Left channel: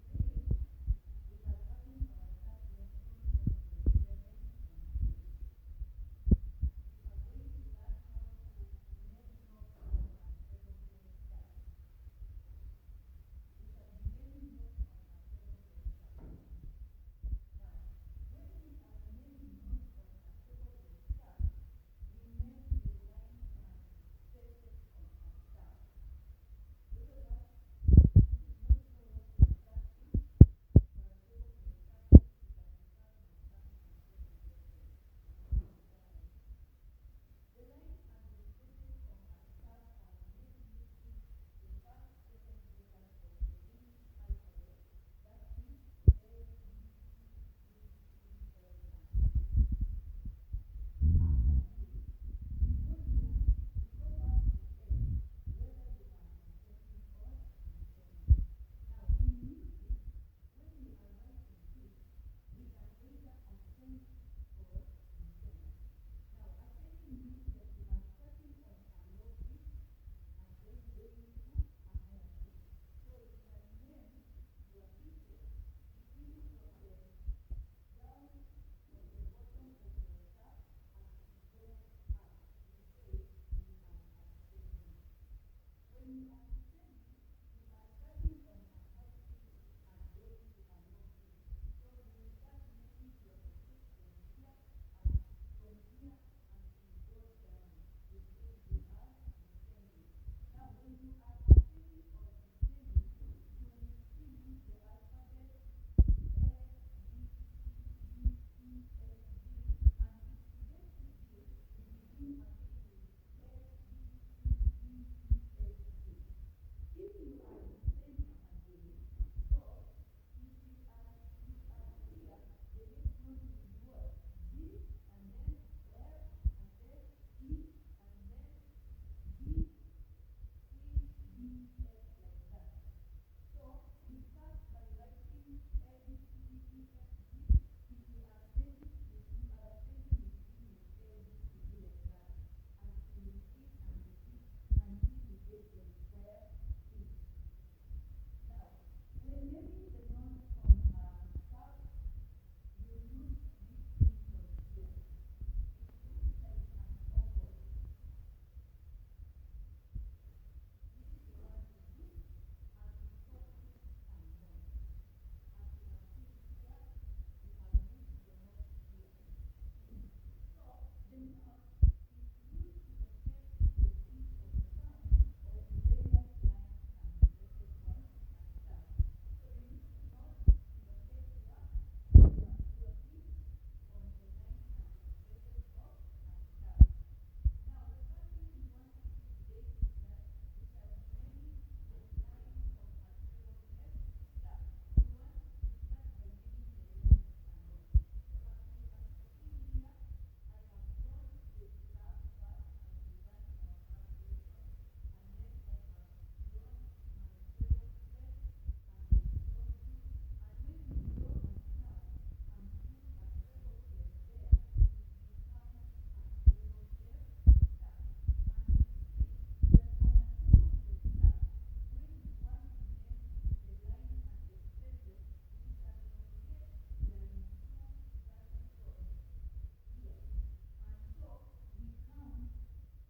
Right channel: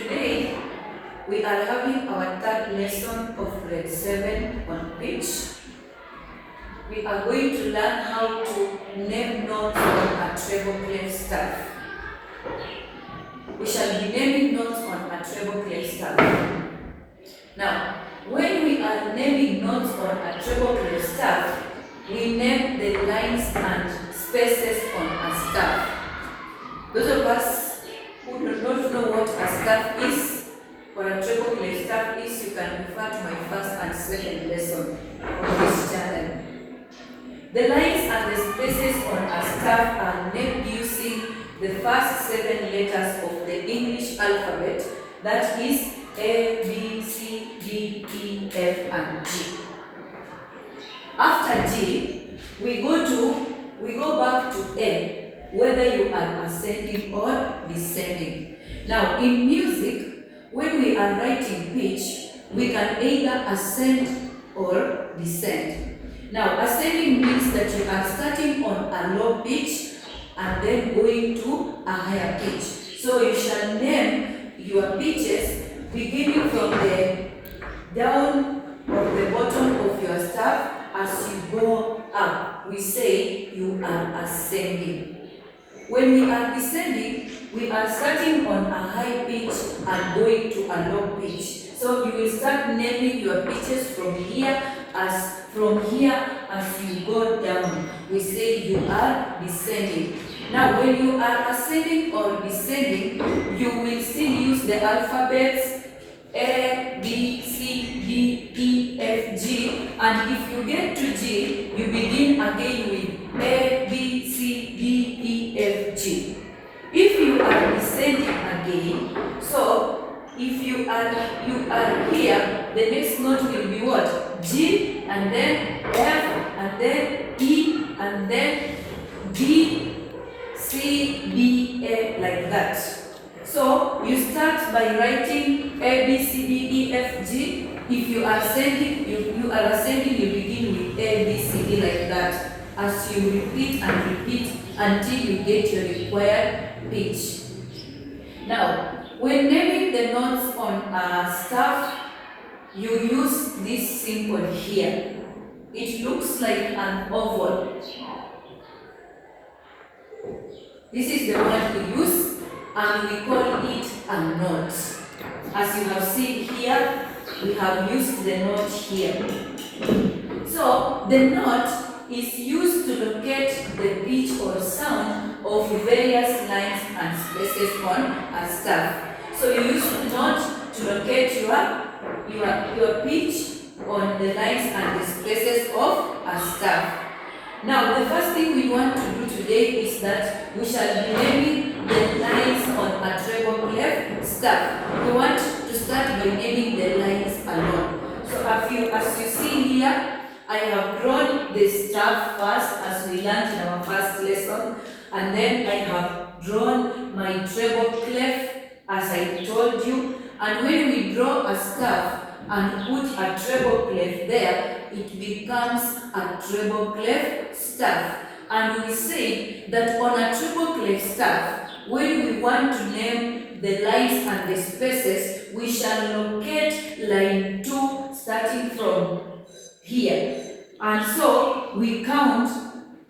Today we are having our third lesson of grade 7 on pitch. We are going to learn how to name notes on a treble clef staff. We shall be naming notes on a treble clef staff. Now, when we are naming notes on a treble clef staff, we name the lines and spaces on a staff. Those of us who do not know what a staff is, or a treble clef staff is, you can refer to my first and second lesson on this channel. The lines and the spaces on a staff are named using the first 7 letters of the English alphabet, that is A, B, C, D, E, F, and G. After G, we go back to A, whether you are ascending or descending. Now, in music, when we are writing pitch, we can either ascend or descend. Now, ascending means that you are starting on a low pitch and then going to a higher pitch. So you shall name your pitches beginning from the down of the bottom of your staff as you go up. We say you are ascending. When we are descending, we are starting on a high pitch and going to a low pitch. So you will start naming your pitches from here as you go down. We say you are descending. Now, when you are ascending or descending, you will still use the alphabets A, B, C, D, E, F, G, and if you get to G, you begin again with A, B, C, D, E, F, G. If you are descending again, so if you are here, the next note will be what? G, and then F, and then E, and then D, C, D, A, like that. So you start by writing A, B, C, D, E, F, G. If you are ascending, you begin with A, B, C, D, like that, as you repeat and repeat until you get your required pitch. Now, when naming the notes on a staff, you use this symbol here. It looks like an oval. This is the one we use, and we call it a knot. As you have seen here, we have used the knot here. So the knot is used to locate the pitch or sound of various lines and spaces on a staff. So you use the knot to locate your pitch on the lines and the spaces of a staff. Now, the first thing we want to do today is that we shall be naming the lines on a treble clef staff. We want to start by naming the lines alone. So as you see here, I have drawn the staff first as we learned in our first lesson, and then I have drawn my treble clef as I told you. And when we draw a staff and put a treble clef there, it becomes a treble clef staff. And we say that on a treble clef staff, when we want to name the lines and the spaces, we shall locate line 2 starting from here. And so we count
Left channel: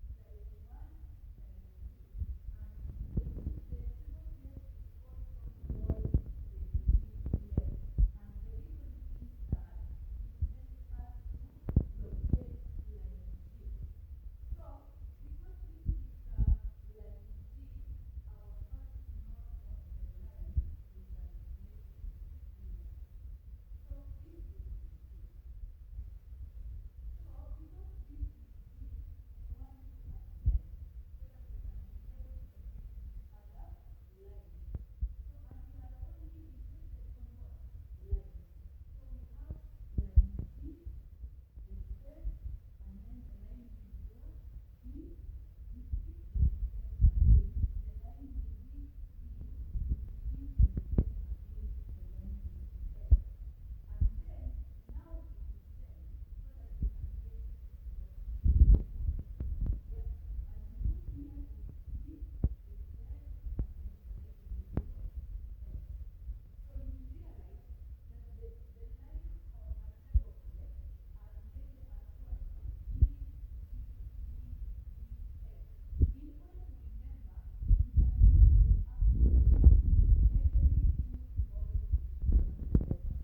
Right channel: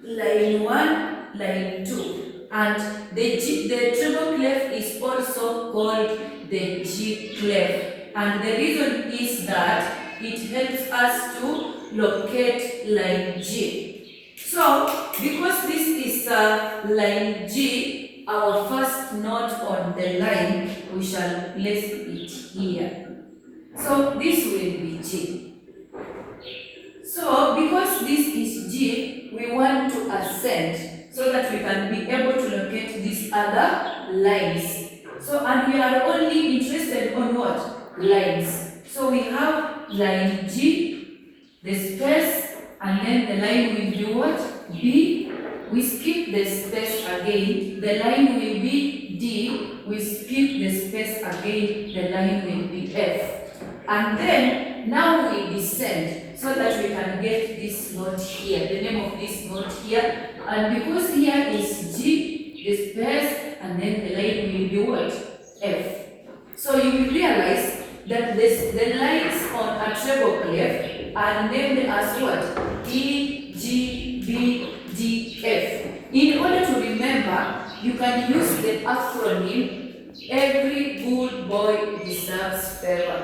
line 1, line 2. And the treble clef is also called the G clef. And the reason is that it helps us to locate line G. So, because this is line G, our first note on the line, we shall place it here. So, this will be G. So, because this is G, we want to ascend so that we can be able to locate these other lines. So, and we are only interested on what? Lines. So we have line G, the space, and then the line will be what? B. We skip the space again. The line will be D. We skip the space again. The line will be F. And then now we descend so that we can get this note here, the name of this note here. And because here is G, the space, and then the line will be what? F. So you will realize that the lines on a treble clef are named as what? E, G, B, D, F. In order to remember, you can use the acronym Every Good Boy Deserves Favor.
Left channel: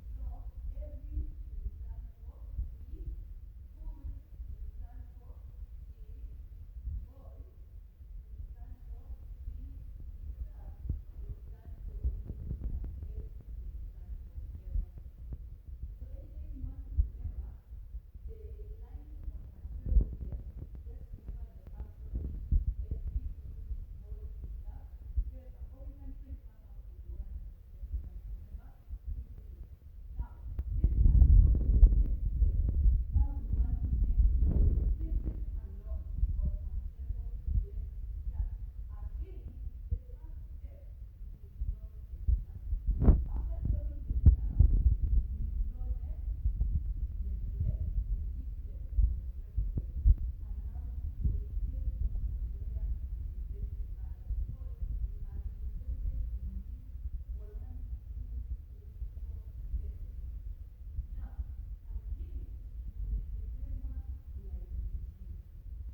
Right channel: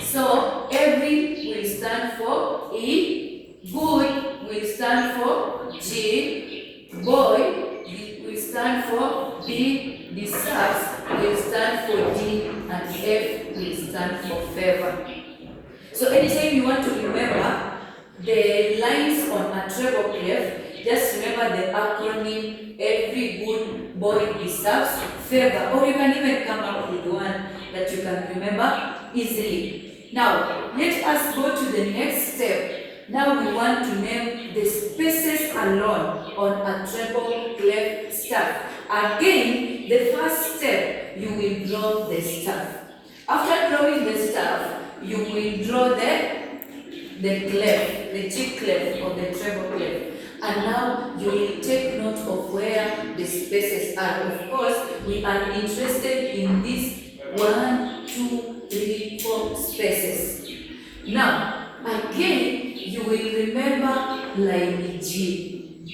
So every will stand for E, good will stand for G, boy will stand for B, deserves will stand for D, and F will stand for favor. So anytime you want to remember the lines on a treble clef, just remember the acronym Every Good Boy Deserves Favor. Or you can even come up with one that you can remember easily. Now, let us go to the next step. Now we want to name the spaces alone on a treble clef staff. Again, the first step, you will draw the staff. After drawing the staff, you will draw the clef, the G clef or the treble clef. And now you will take note of where the spaces are. Of course, we are interested in these 1, 2, 3, 4 spaces. Now, again, you will remember line G.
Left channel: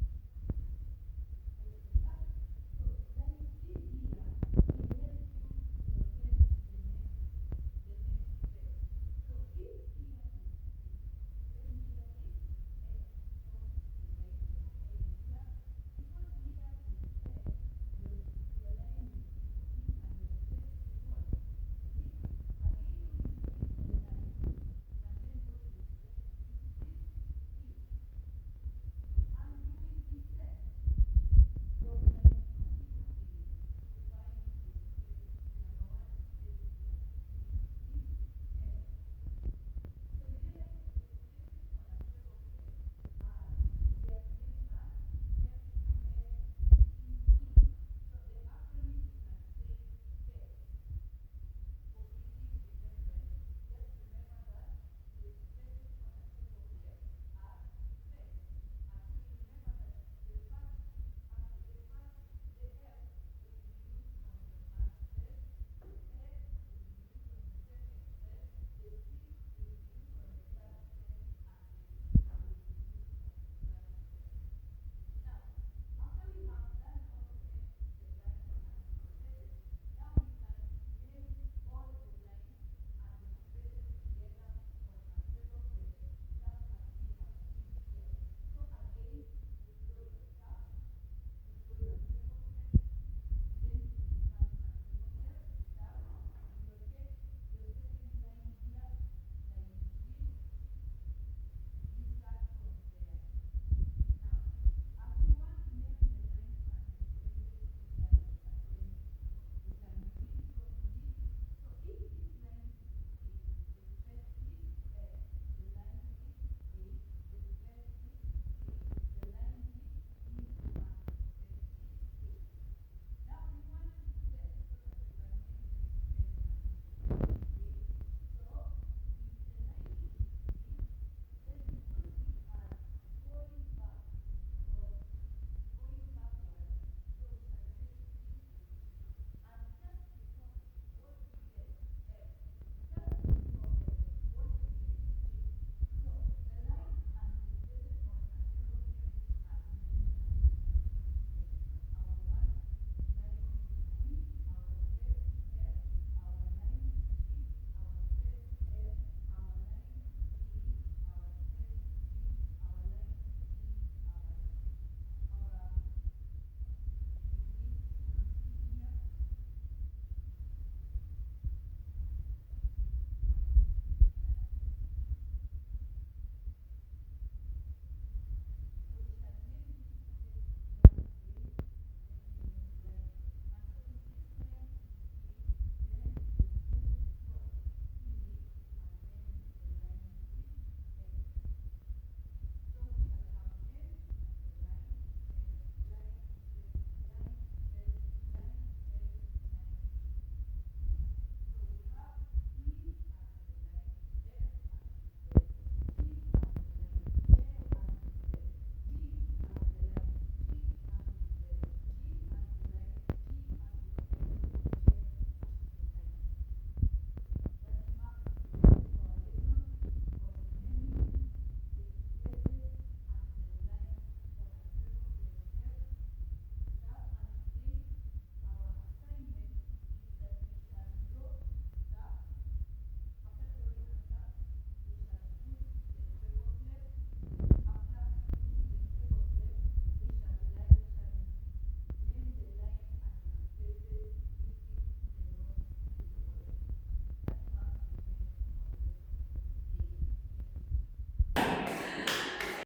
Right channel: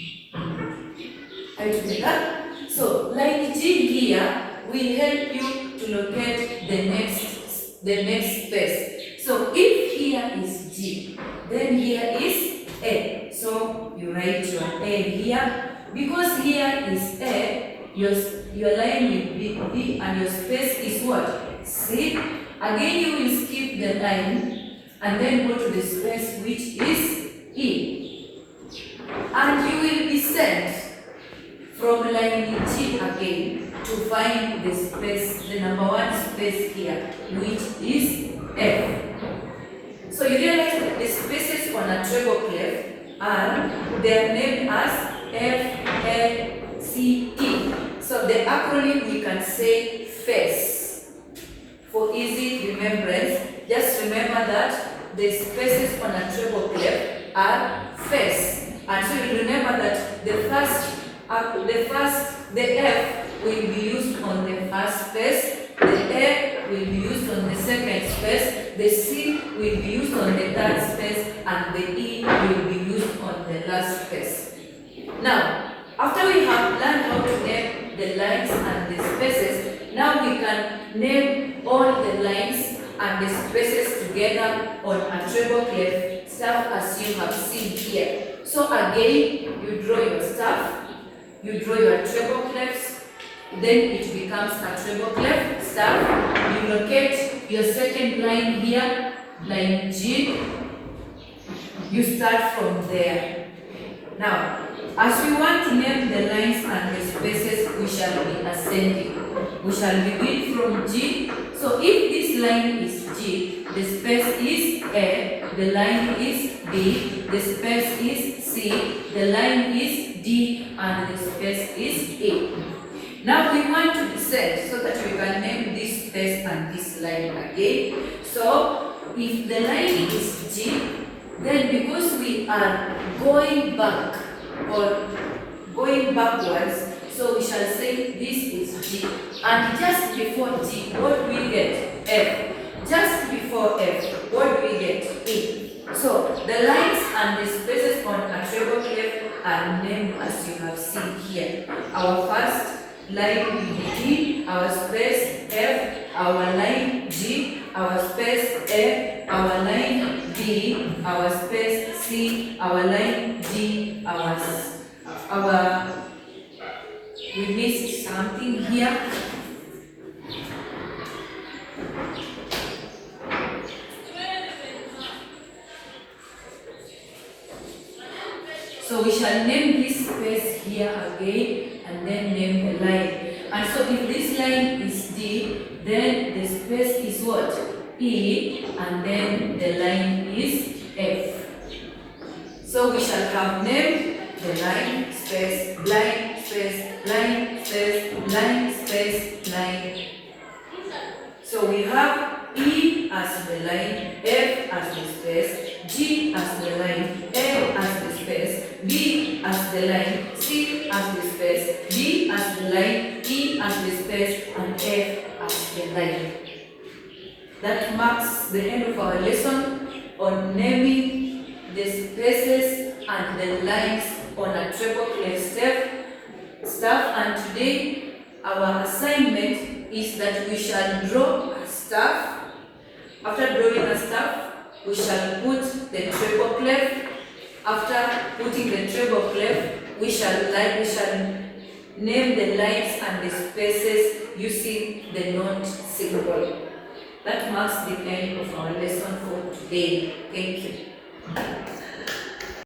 Are you together? So, line G here will help you to locate the next space. So, if here is G, then here is A. So, you write your A here. Because here is A, your line will be B and your space is what? C. Again, you will skip the line and then go to the space which is E. And you will be sent from line G again to find the space, the number 1 space here, which is F. So you realize that the spaces on a treble clef are, they are named as F, L, C, E. So the acronym we can say FACE. For easy remembrance, just remember that the spaces on a treble clef are FACE. And so you remember that the F will be used on the first space, the A will be used on the second space, the C will be used on the third space, and the E will be used on the last space. Now, after we have learned how to name the lines and the spaces, now we can name all the lines and the spaces together on a treble clef staff as you have seen here. So again, you draw your staff, you draw your treble clefs, then it becomes a treble clef staff. You locate your second line here, line G. You start from there. Now, as we want to name the lines and the spaces, we shall be ascending. We shall begin from G. So if this line is G, the space is A, the line is B, the space is C, the line is D, and the space is E. Now we want to descend so that we can name this space and this line again. So if the line is G, then because we are going back or going backwards, so we shall say this is G. And just before G, what do we get? F. Just before F, what do we get? E. So the lines and the spaces on a treble clef are named as you have seen here. Our first line will be E, our space F, our line G, our space F, our line B, our space C, our line D, we missed something here. So we shall name this space here again and then name the line. And so if this line is D, then the space is what? E, and then the line is F. So we shall have named the line, space, line, space, line, space, line, space, line. So we have E as the line, F as the space, G as the line, L as the space, B as the line, C as the space, D as the line, E as the space, and F as the line. That marks the end of our lesson on naming the spaces and the lines on a treble clef staff. And today our assignment is that we shall draw a staff. After drawing a staff, we shall put the treble clef. After putting the treble clef, we shall name the lines and the spaces using the note symbol. That marks the end of our lesson for today. Thank you.